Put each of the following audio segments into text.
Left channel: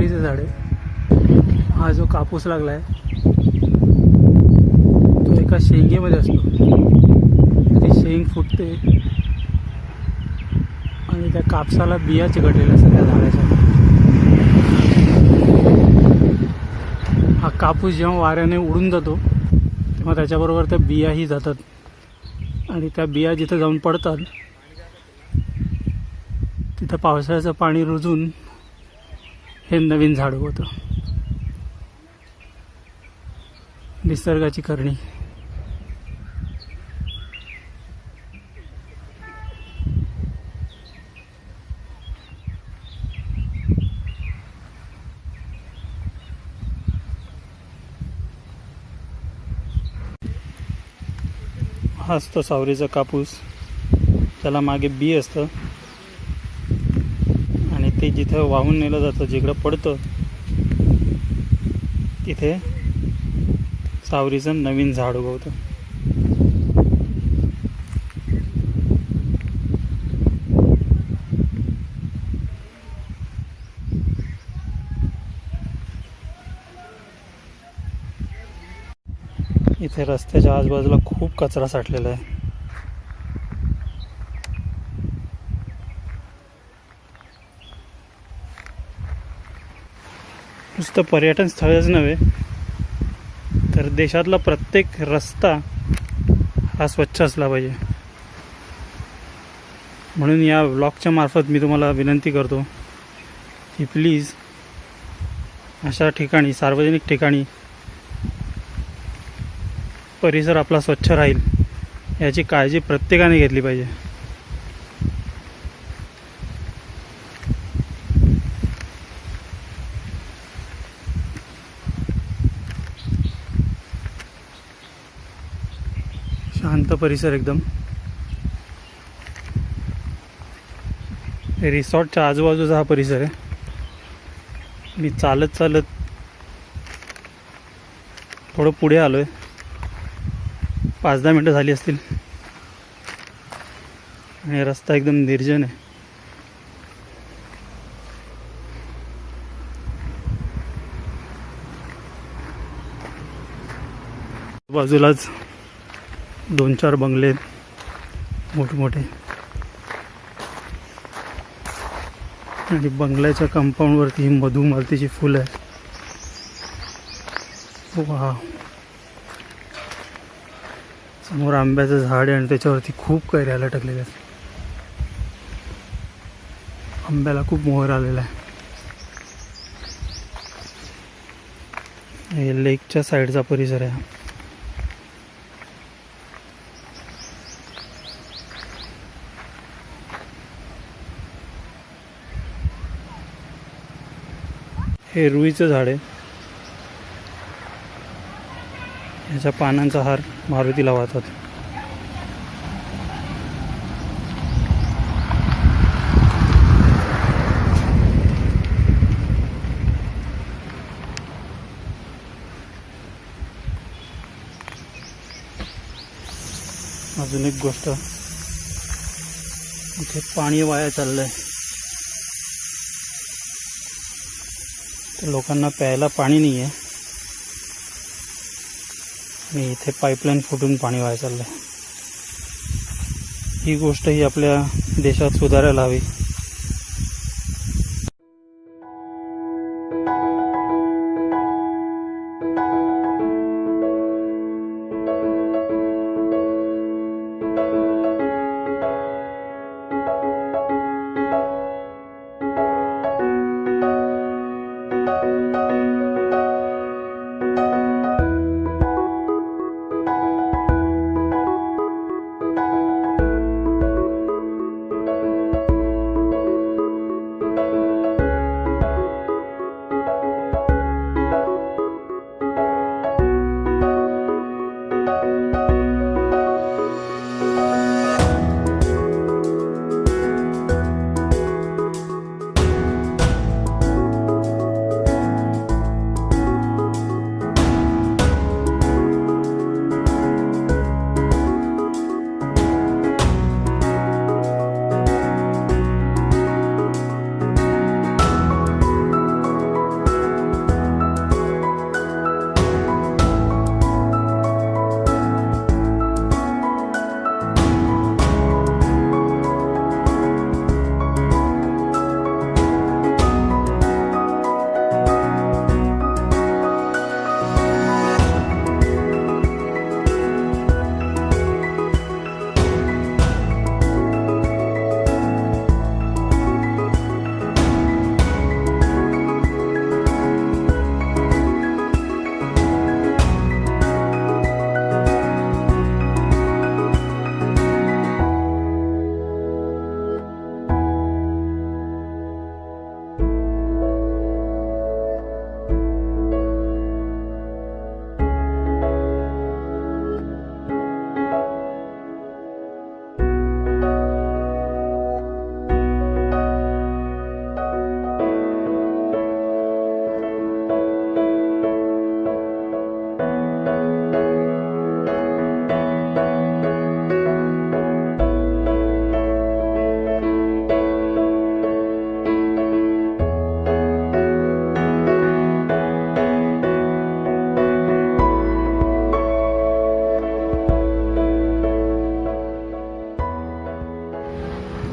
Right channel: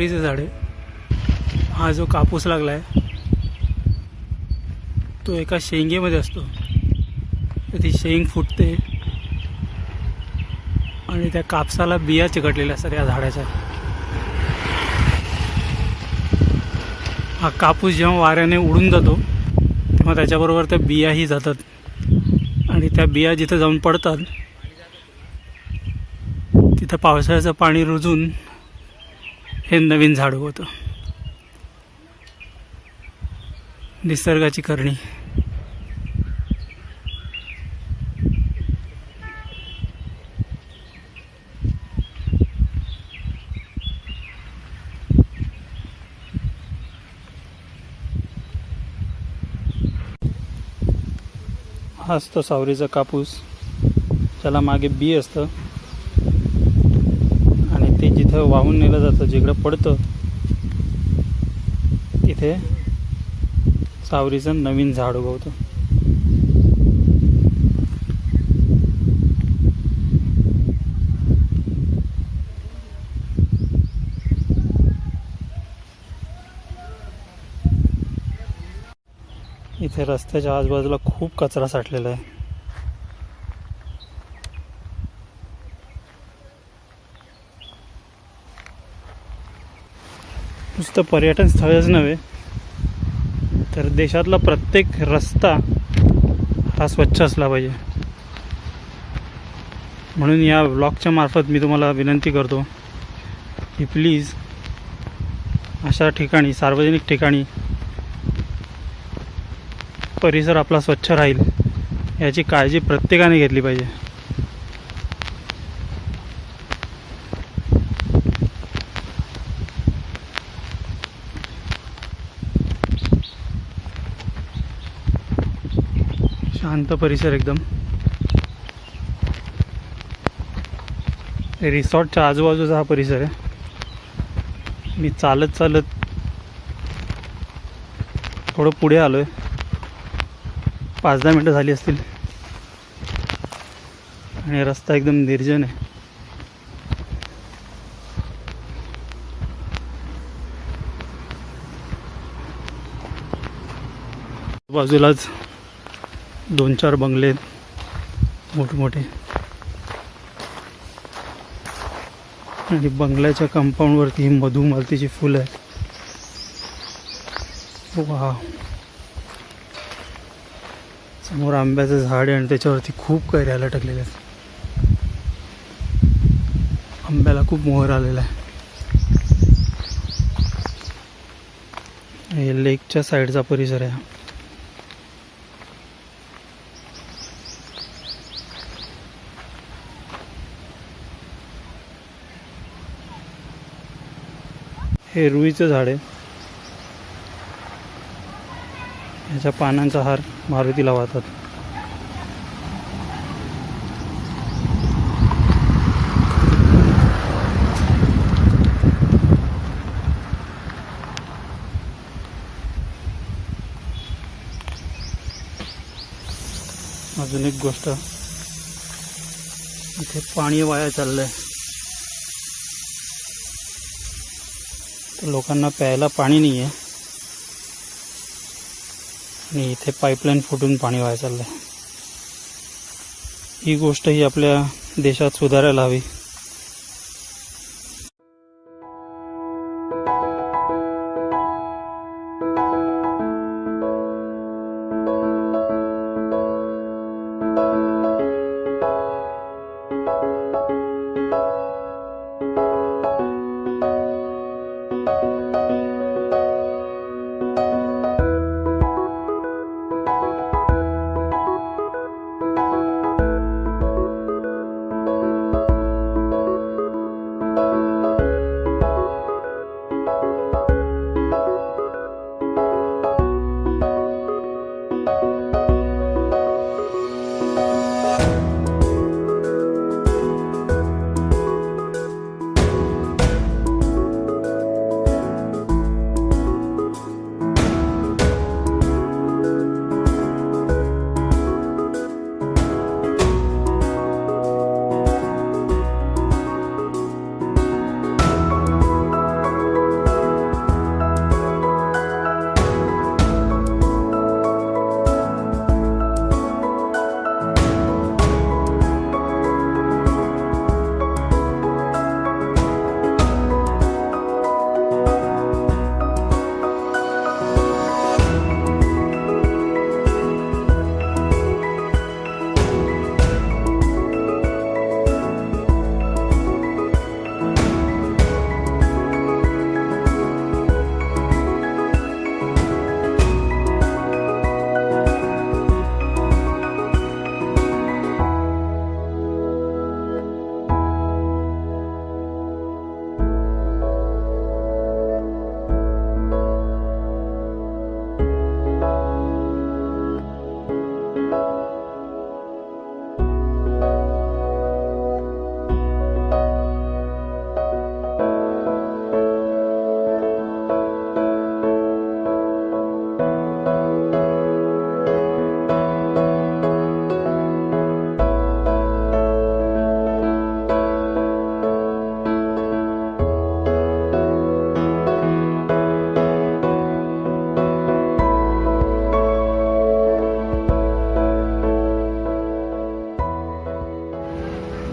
सावलीचे झाड. आहे हा जो कापूस लागला आहे तो एका शेंगेमध्ये असतो. ती शेंग फुटते आणि त्या कापसाला बिया चिकटलेल्या असतात या झाडाच्या. हा कापूस जेव्हा वाऱ्याने उडून जातो तेव्हा त्याच्याबरोबर त्या बियाही जातात. आणि त्या बिया जिथं जाऊन पडतात तिथं पावसाळ्याचं पाणी रुजून हे नवीन झाड होतं. निसर्गाची करणी. हा असतं सावरीचा कापूस. त्याला मागे बी असतं. तिथं वाहून नेलं जातं जिकडं पडतं तिथे सावरीचं नवीन झाड उगवतं. इथे रस्त्याच्या आजूबाजूला खूप कचरा साठलेला आहे. नुसतं पर्यटन स्थळच नव्हे तर देशातला प्रत्येक रस्ता हा स्वच्छ असला पाहिजे. म्हणून या ब्लॉगच्या मार्फत मी तुम्हाला विनंती करतो की प्लीज अशा ठिकाणी सार्वजनिक ठिकाणी परिसर आपला स्वच्छ राहील याची काळजी प्रत्येकाने घेतली पाहिजे. शांत परिसर एकदम. रिसॉर्टच्या आजूबाजूचा हा परिसर आहे. मी चालत चालत थोडं पुढे आलो आहे पाच दहा मिनटं झाली असतील. आणि रस्ता एकदम निर्जन आहे. बाजूलाच दोन चार बंगले आहेत. मोठमोठे. आणि बंगल्याच्या कंपाऊंडवरती ही मधुमालतीची फुलं आहेत. वा समोर आंब्याचं झाड आहे आणि त्याच्यावरती खूप कैऱ्या लटकलेल्या आहेत. आंब्याला खूप मोहर आलेला आहे. हे लेकच्या साईडचा परिसर आहे हे रुईचं झाड आहे. याच्या पानांचा हार मारुतीला वाहतात. अजून एक गोष्ट. इथे पाणी वाया चाललंय. लोकांना प्यायला पाणी नाही आहे आणि इथे पाईपलाईन फुटून पाणी व्हायला चाललं आहे ही गोष्ट ही आपल्या देशात सुधारायला हवी.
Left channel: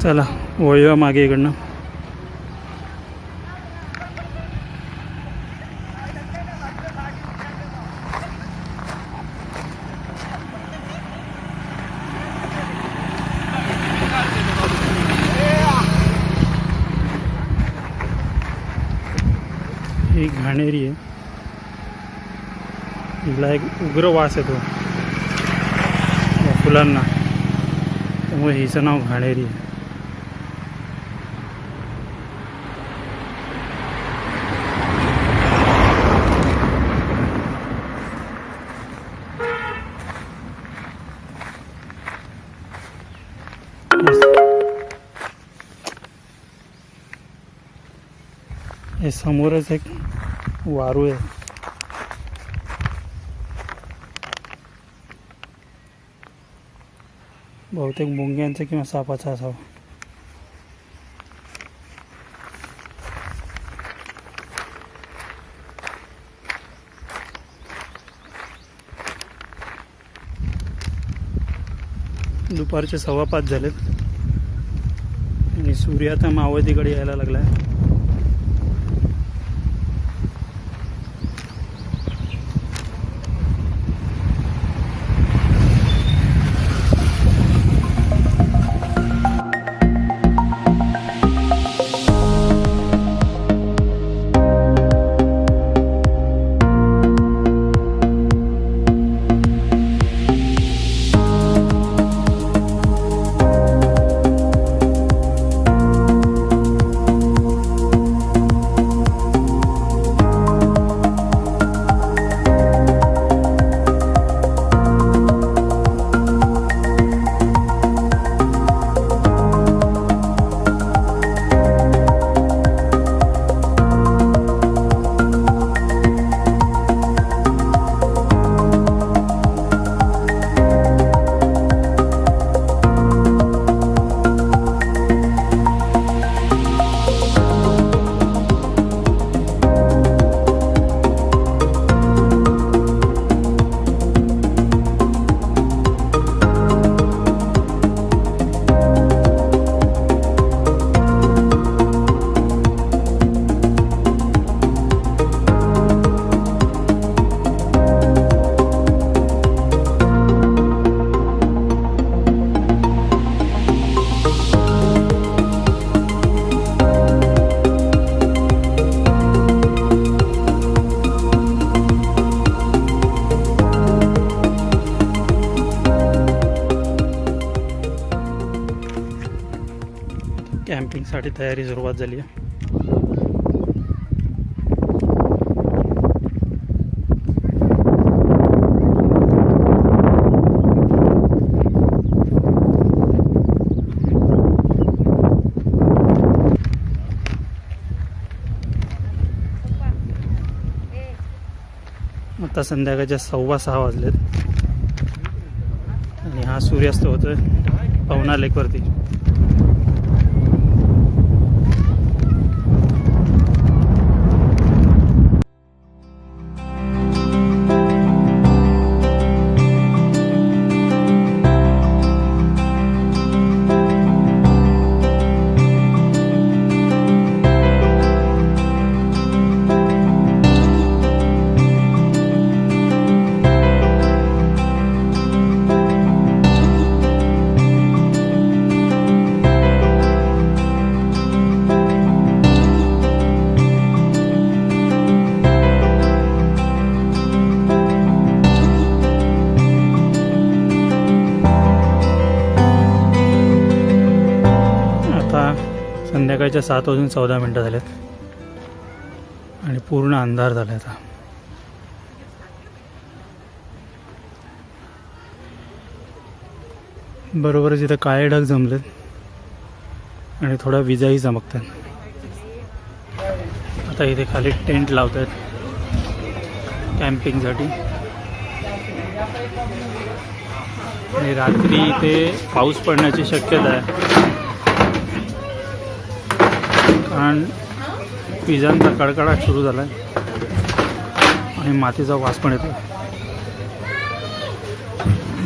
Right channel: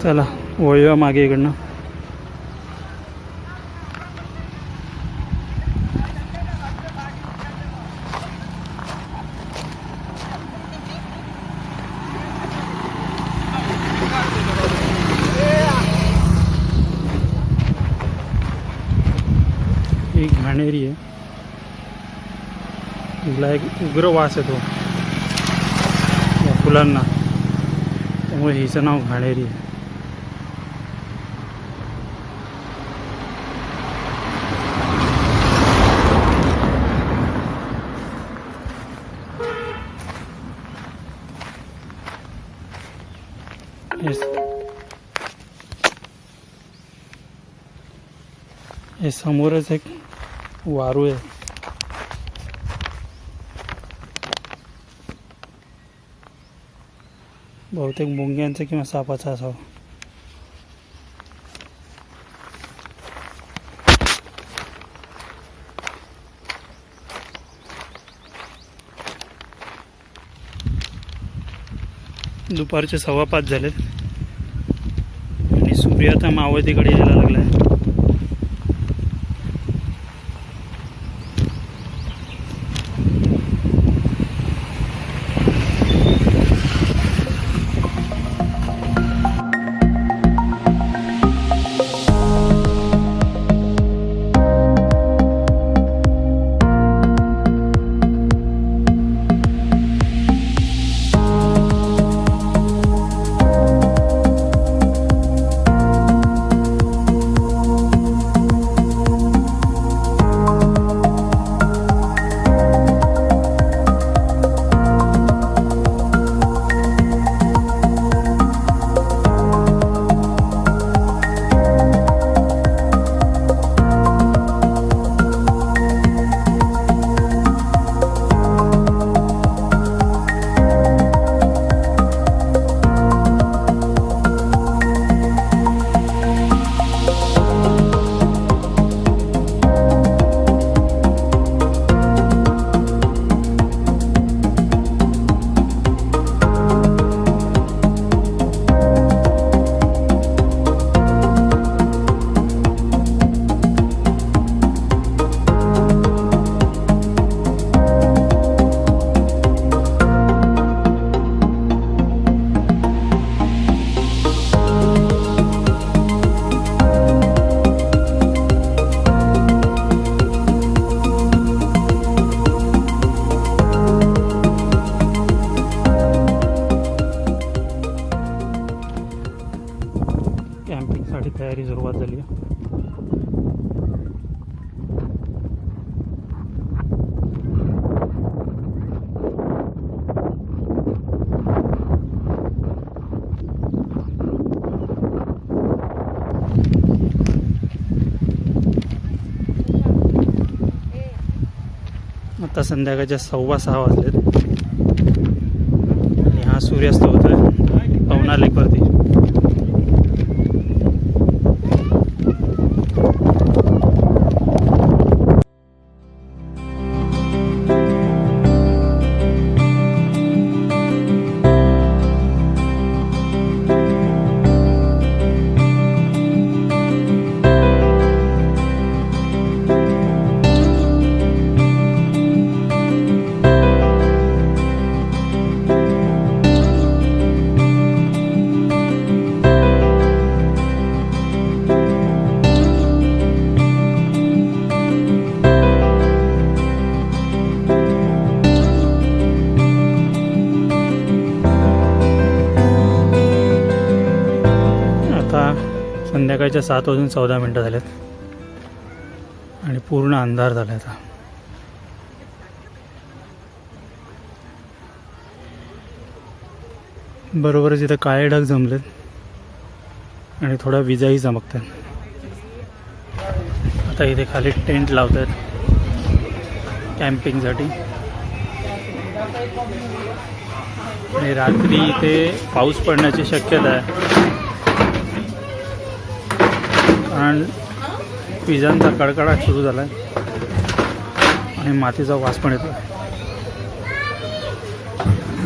चला वळूया मागे इकडनं. ही घाणेरी आहे. तिला एक उग्र वास येतो. या फुलांना. त्यामुळे हिचं नाव घाणेरी आहे. हे समोरच एक वारू आहे. बहुतेक मुंग्यांचं किंवा सापाचं असावं. दुपारचे सव्वा पाच झालेत. आणि सूर्य आता मावळतीकडे यायला लागलाय. कॅम्पिंगसाठी तयारी सुरुवात झाली आहे. आता संध्याकाळच्या सव्वा सहा वाजलेत. आणि हा सूर्यास्त होतोय. पवना लेकवरती संध्याकाळच्या सात वाजून चौदा मिनटं झाल्यात आणि पूर्ण अंधार झाला आता. बरोबरच इथं काळे ढग जमलेत आणि थोडा विजाही चमकतात. आता इथे खाली टेंट लावत आहेत कॅम्पिंगसाठी. आणि रात्री इथे पाऊस पडण्याची शक्यता आहे. कारण विजांचा कडकडाट सुरू झाला आहे आणि मातीचा वास पण येतो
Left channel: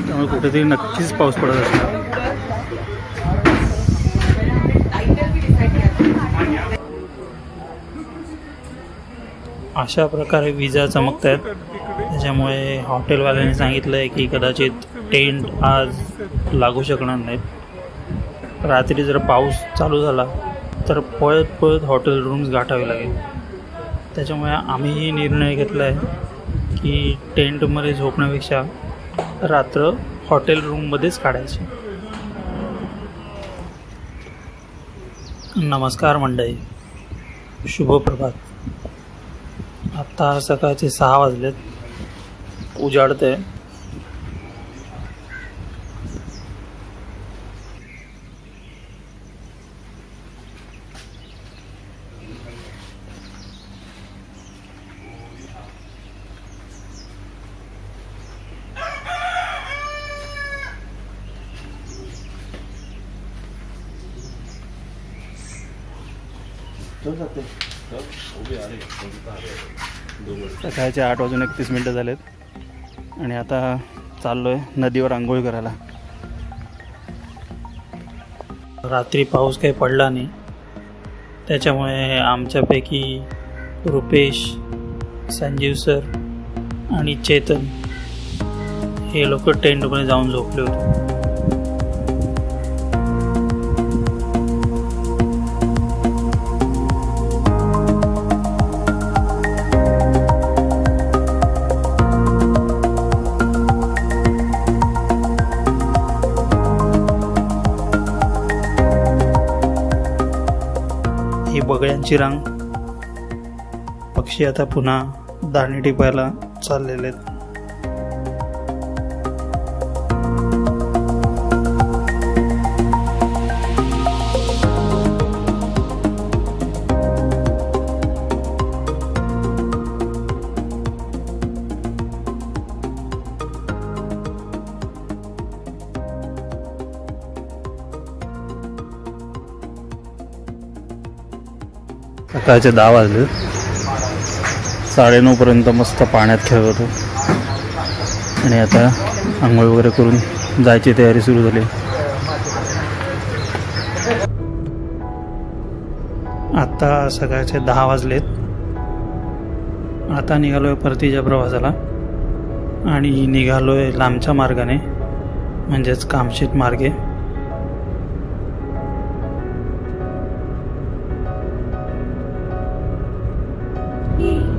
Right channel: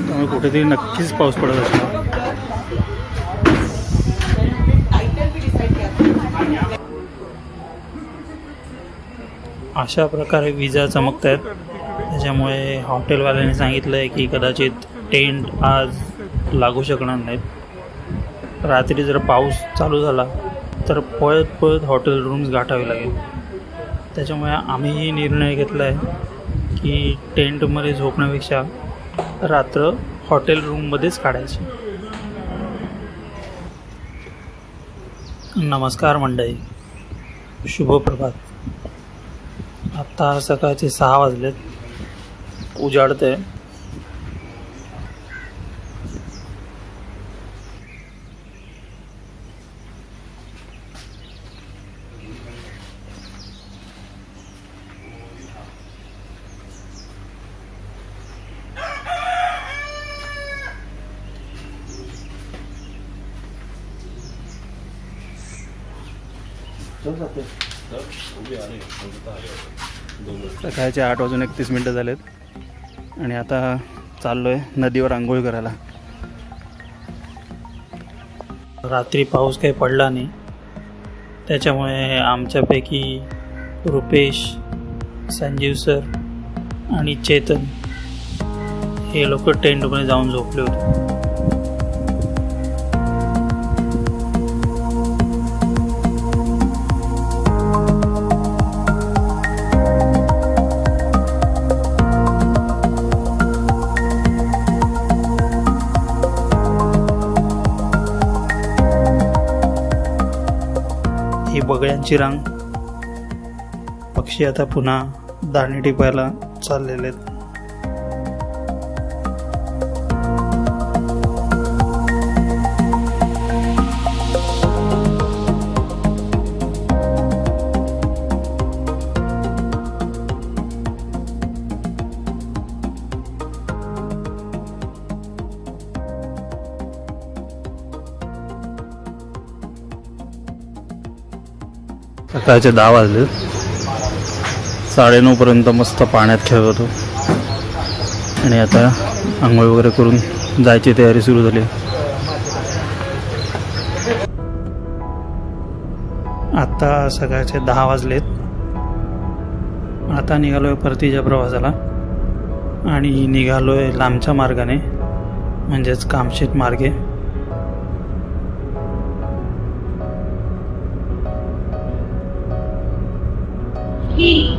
त्यामुळे कुठेतरी नक्कीच पाऊस पडत असणार. अशा प्रकारे विजा चमकत आहेत त्याच्यामुळे हॉटेलवाल्याने सांगितलं आहे की कदाचित टेंट आज लागू शकणार नाहीत. रात्री जर पाऊस चालू झाला तर पळत पळत हॉटेल रूम्स गाठावे लागेल. त्याच्यामुळे आम्हीही निर्णय घेतला आहे की टेंटमध्ये झोपण्यापेक्षा रात्र हॉटेल रूममध्येच काढायची. नमस्कार मंडळी. शुभ प्रभात. आत्ता सकाळचे सहा वाजलेत. उजाडते सकाळचे आठ वाजून एकतीस मिनटं झालेत. आणि आता चाललो आहे नदीवर आंघोळ करायला. रात्री पाऊस काही पडला नाही. त्याच्यामुळे आमच्यापैकी रुपेश संजीव सर आणि चेतन हे लोक टेंटमध्ये जाऊन झोपले होते. ही बगळ्यांची रांग. पक्षी आता पुन्हा दाणे टिपायला चाललेले आहेत. सकाळचे दहा वाजले साडेनऊपर्यंत मस्त पाण्यात खेळत होतो. आणि आता आंघोळ वगैरे करून जायची तयारी सुरू झाली. आता सकाळचे दहा वाजलेत. आता निघालोय परतीच्या प्रवासाला. आणि निघालोय लांबच्या मार्गाने म्हणजेच कामशेत मार्गे. हे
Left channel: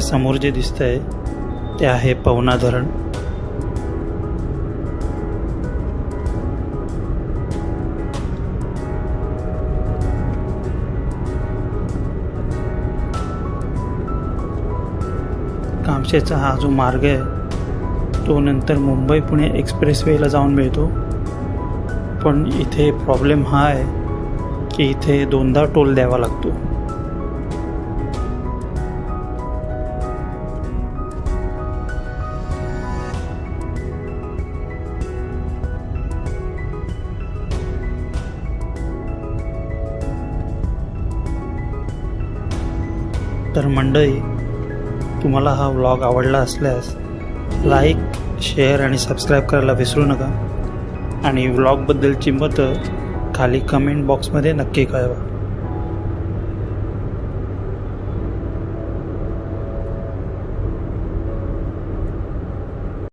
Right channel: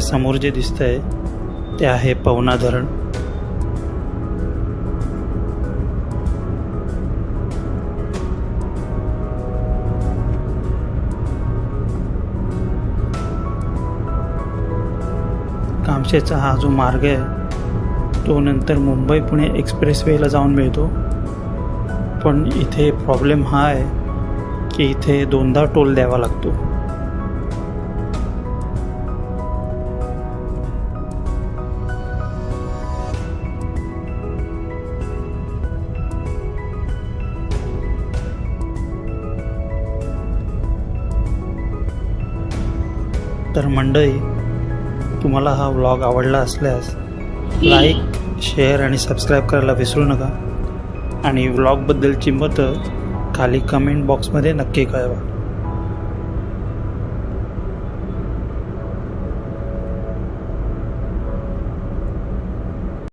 समोर जे दिसतंय ते आहे पवना धरण. कामशेचा हा जो मार्ग आहे तो नंतर मुंबई पुणे एक्सप्रेसवेला जाऊन मिळतो. पण इथे प्रॉब्लेम हा आहे की इथे दोनदा टोल द्यावा लागतो. तर मंडळी तुम्हाला हा व्लॉग आवडला असल्यास लाईक शेअर आणि सबस्क्राईब करायला विसरू नका. आणि व्लॉगबद्दलची मतं खाली कमेंट बॉक्समध्ये नक्की कळवा.